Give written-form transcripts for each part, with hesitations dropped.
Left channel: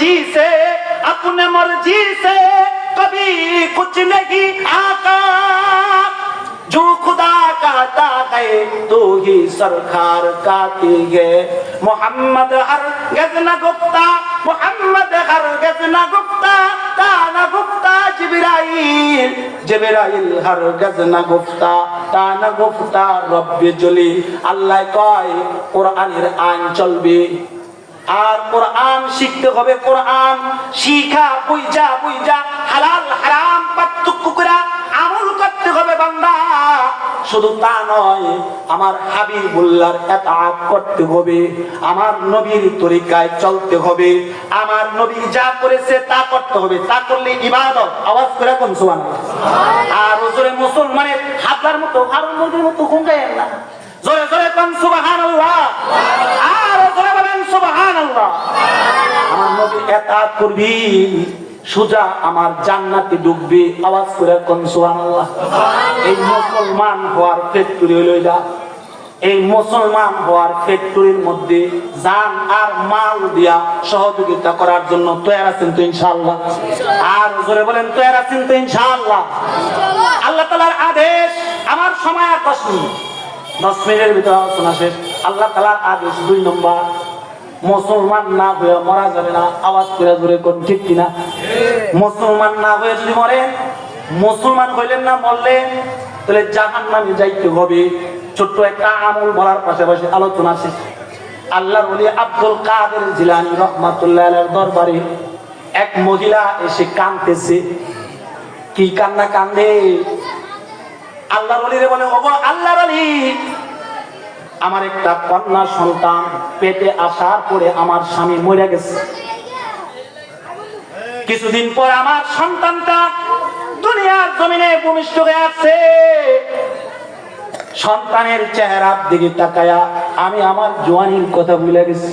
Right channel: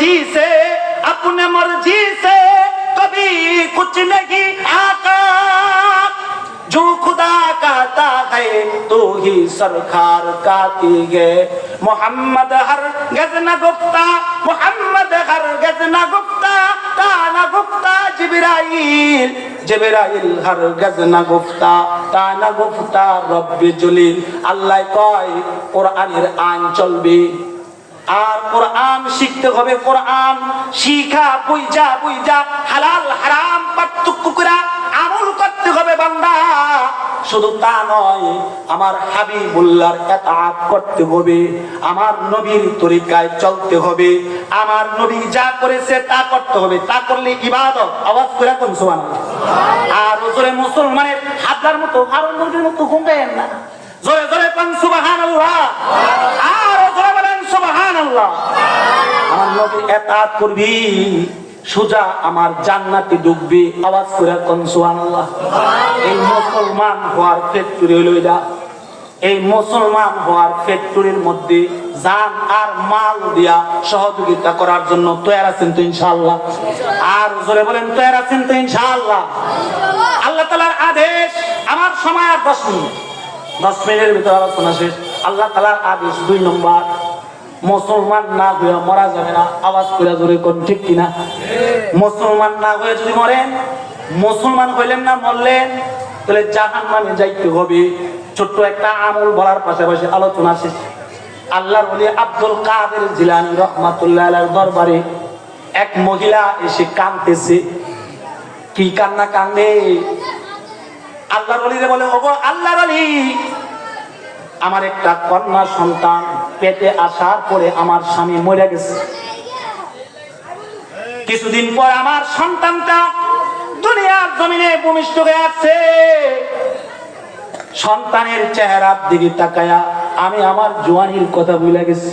जी से अपने मर्जी से कभी कुछ नहीं आता जो खुदा कहता है तो ही सरकार कहती है मोहम्मद हर गज न गुफ्ता मोहम्मद हर गज न गुफ्ता ताना गुफ्ता जिब्राइल जिब्राइल हर गज न गुफ्ता ताना गुफ्ता रब्बे जलील আল্লাহ কয় কোরআনের আইন চলবে আর কোরআন শিখতে হবে কোরআন শিখা বুঝা বুঝা হালাল হারাম পার্থক্য করে আমল করতে হবে বান্দা শুধু তা নয় আমার হাবিবুল্লাহর ইতাআত করতে হবে আমার নবীর তরিকায় চলতে হবে আমার নবী যা করেছে তা করতে হবে তা করলে ইবাদত আওয়াজ করে কোন সুবহানাল্লাহ আর ওজরে মুসলমানের হাজার মতো কারণ নবীর মতো ঘুমায় না জোরে জোরে কোন সুবহানাল্লাহ আর জোরে বলেন সুবহানাল্লাহ আমার নবীর ইতাআত করবি সুজা আমার জান্নাতে ঢুকবে আওয়াজ করে কোন সুবহানাল্লাহ এই মুসলমান হওয়ার ফ্যাক্টরি হলো এটা এই মুসলমান হওয়ার ফ্যাক্টরির মধ্যে জান আর মাল দিয়া সহযোগিতা করার জন্য তৈরি আছেন তো ইনশাআল্লাহ আর জোরে বলেন তৈরি আছেন তো ইনশাআল্লাহ আল্লাহ তাআলার আদেশ আমার সময় আর 10 মিনিটের ভিতরে আলোচনা শেষ আল্লাহ তাআলার আদেশ 2 নম্বর মুসলমান না হয়ে মরা যাবে না আওয়াজ করে জোরে কোন ঠিক কিনা মুসলমান না হয়ে যদি মরেন মুসলমান হইলেন না মরলেন তাহলে জাহান্নামে যাইতে হবে ছোট্ট একটা আমল বলার পাশাপাশি আলোচনা শেষ আল্লাহর ওলি আব্দুল কাদের জিলানী রাহমাতুল্লাহ আলাইহির দরবারে এক মহিলা এসে কাঁদতেছে কি কান্না কান্দে আল্লাহর ওলিরে বলে ওগো আল্লাহর ওলি আমার একটা কন্যা সন্তান পেটে আসার পরে আমার স্বামী মরে গেছে কিছুদিন পর আমার সন্তানটা দুনিয়ার জমিনে ভূমিষ্ঠ হয়ে আছে সন্তানের চেহারার দিকে তাকায়া আমি আমার জওয়ানির কথা ভুলে গেছি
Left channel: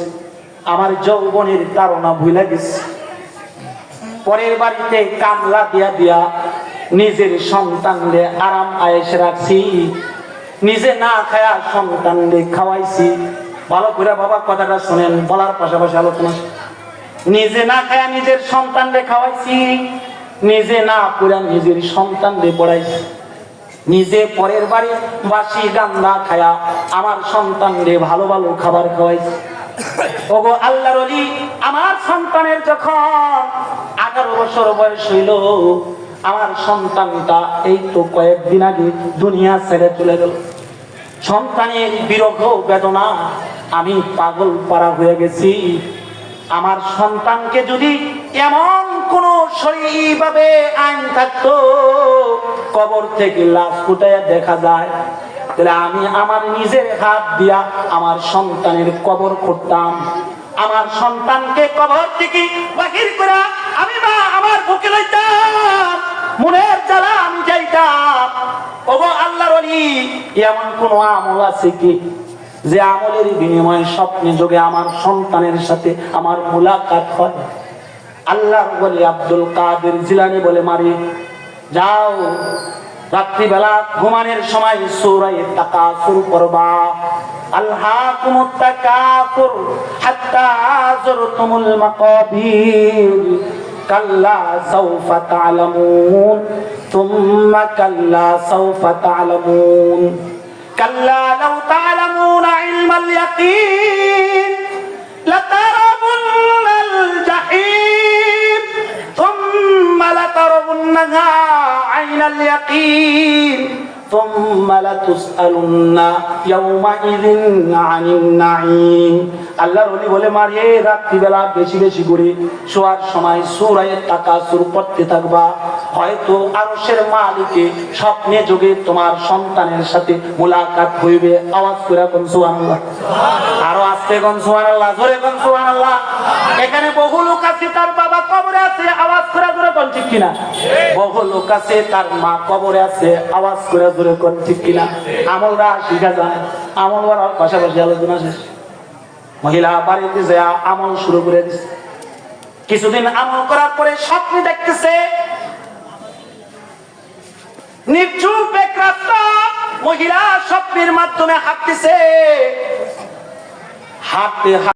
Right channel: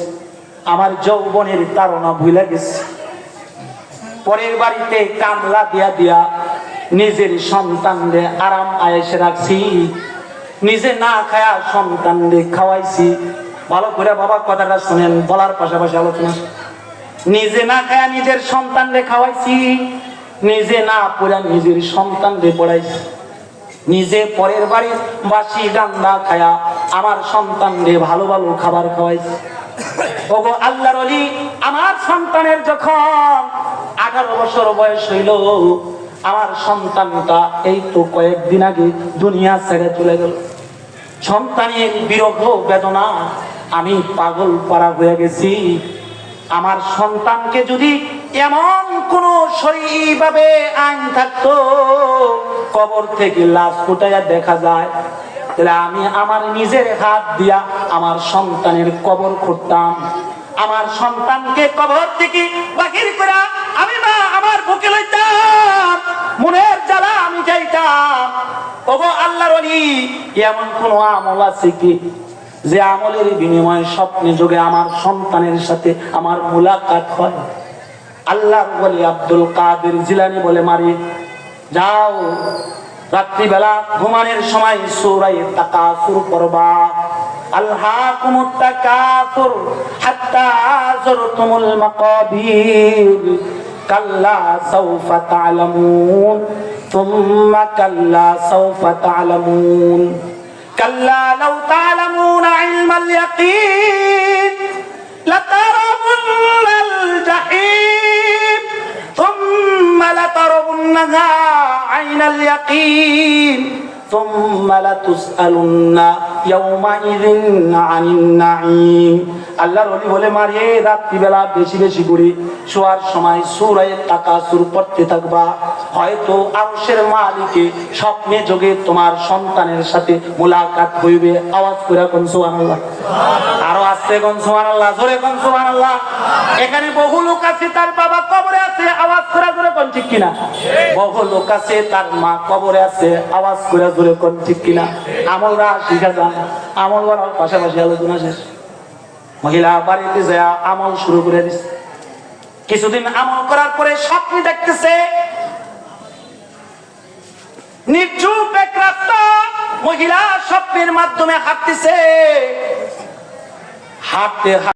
আমার যৌবনের তাড়না ভুলে গেছি পরের বাড়িতে কামলা দিয়া দিয়া নিজের সন্তানকে আরাম আয়েশ রাখছি নিজে না খায়া সন্তানকে খাওয়াইছি ভালো করে বাবা কথাটা শুনেন বলার পাশাপাশি আলোচনা নিজে না খায়া নিজের সন্তানকে খাওয়াইছি নিজে না পুরা নিজের সন্তানকে পড়াইছি নিজে পরের বাড়ির বাসি রান্না খায়া আমার সন্তানকে ভালো ভালো খাবার খাওয়াইছি ওগো আল্লাহর ওলি আমার সন্তানের যখন 18 বছর বয়স হইল আমার সন্তানটা এই তো কয়েকদিন আগে দুনিয়া ছেড়ে চলে গেল সন্তানের বিরহ বেদনা আমি পাগল পারা হয়ে গেছি আমার সন্তানকে যদি এমন কোন শরীরভাবে আইন থাকতো কবর থেকে লাশ ফুটাইয়া দেখা যায় তাহলে আমি আমার নিজের হাত দিয়া আমার সন্তানের কবর করতাম আমার সন্তানকে কবর থেকে বাহির করে আমি মা আমার বুকে লইতাম মনের জ্বালা আমি যাইতাম ওগো আল্লাহর ওলি এমন কোন আমল আছে কি যে আমলের বিনিময়ে স্বপ্নে যোগে আমার সন্তানের সাথে আমার মুলাকাত হয় আল্লাহর ওলি আব্দুল কাদের জিলানী বলে মারি যাও রাত্রিবেলা ঘুমানোর সময় সূরা তাকাসুর পড়বা আলহাকুমুত তাকাসুর হাত্তা যুরতুমুল মাকাবির কাল্লা সাওফা তা'লামুন থুম্মা কাল্লা সাওফা তা'লামুন কাল্লা লাউ তা'লামুনা ইলমাল ইয়াকিন লাতারাবুন্নাল জাহিম থুম্মা লাতারাবুন্নাহা আইনাল ইয়াকিন ثم لتسألن يومئذ عن النعيم আল্লাহর ওলি বলে মারিয়ে রাত্রিবেলা বেশি বেশি করে শোয়ার সময় সূরা তাকাসুর পড়তে থাকবা হয়তো আরশের মালিকে স্বপ্নে যোগে তোমার সন্তানের সাথে মুলাকাত হইবে আওয়াজ করে কোন সুবহানাল্লাহ আরো আস্তে কোন সুবহানাল্লাহ জোরে কোন সুবহানাল্লাহ এখানে বহু লোক আছে তার বাবা কবরে আছে আওয়াজ করে জোরে কোন ঠিক কিনা বহু লোক আছে তার মা কবরে আছে আওয়াজ করে জোরে কোন ঠিক কিনা আমলরা শিখা যায় আমল করার পাশাপাশি আলোচনা শেষ মহিলা বাড়িতে যায় আমল শুরু করে দিছে কিছুদিন আমল করার পরে স্বপ্নে দেখতেছে নির্জুপ এক রাস্তা মহিলা স্বপ্নের মাধ্যমে হাঁটতেছে হাঁটতে